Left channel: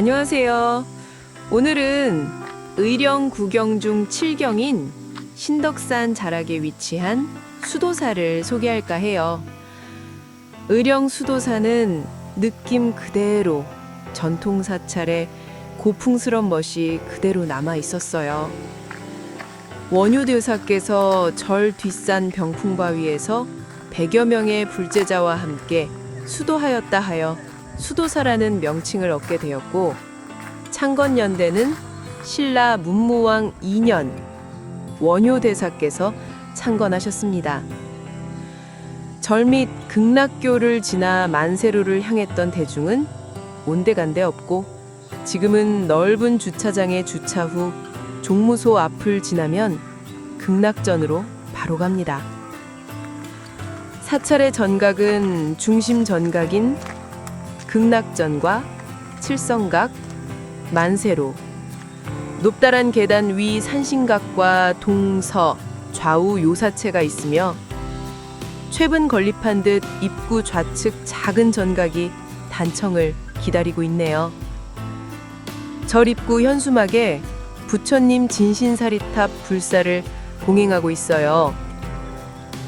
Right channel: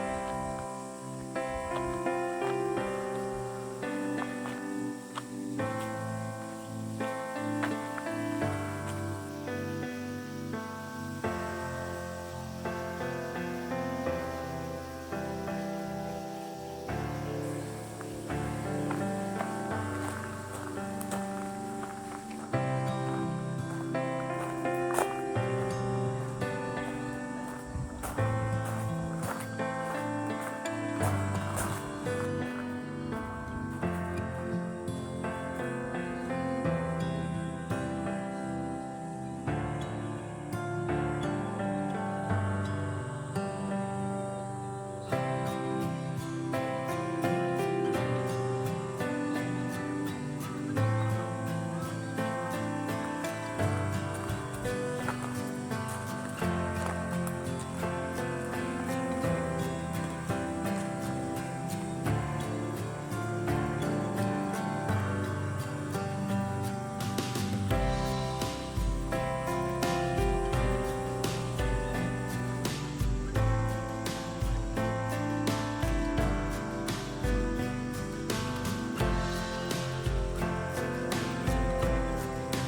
안녕하세요. 오늘은 의령 구경 중 7경인 신덕산 자락에 위치한 수도사를 소개할까 해요. 의령 수도사는 느낌 그대로 전통 사찰의 고풍스런 멋이 그대로 남아 있었어요. 원효대사께서 절 뒷산 병풍바위에서 100여 명의 불제자와 함께 수도하였다 하여 수도사라는 명칭을 얻게 되었고 창건연대는 신라 문무왕 2년 원효대사께서 창건하셨습니다. 절밑 극락교를 지나 만세로를 향했던 대중은 온데간데 없고 지금은 넓은 주차장에 주차 후 종무소 앞을 지나면 극락전으로 바로 갑니다. 사찰의 전각은 중심 전각인 극락전과 칠성각, 만세로, 높다란 계단 위 산신각과 동서, 좌우 요사체가 있으며 최분 건립한 듯 입구 좌측 작은 전각이 단청을 기다리고 있네요. 절 입구 현수막에 부처님 진신사리탑 불사를 봉행하고 있어요.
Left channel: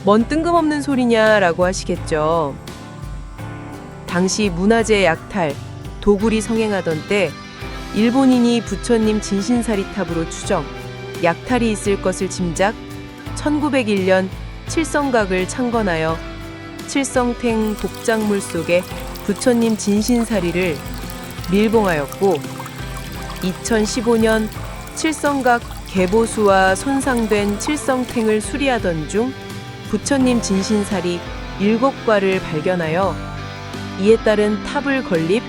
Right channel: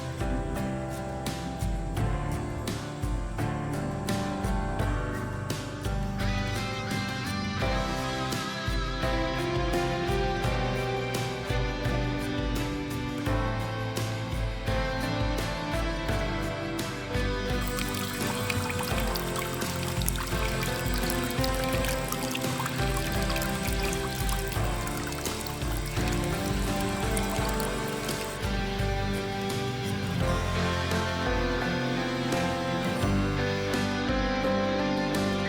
뭔 뜬금없는 소리냐라고 하시겠죠. 당시 문화재 약탈, 도굴이 성행하던 때 일본인이 부처님 진신사리 탑으로 추정, 약탈이 있을 것을 짐작 1901년 칠성각을 창건하여 칠성탱 복장물 속에 부처님 진신사리를 밀봉하였고 2015년 칠성각 개보수와 손상된 칠성탱을 수리하던 중 부처님 진신살이 일곱 과를 발견하여 이에 따른 탑을 건립,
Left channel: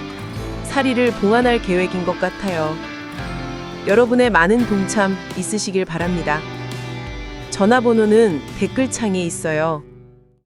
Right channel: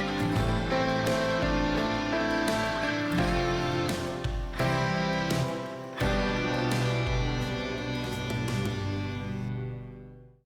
사리를 봉안할 계획인 것 같아요. 여러분의 많은 동참 있으시길 바랍니다. 전화번호는 댓글창에 있어요.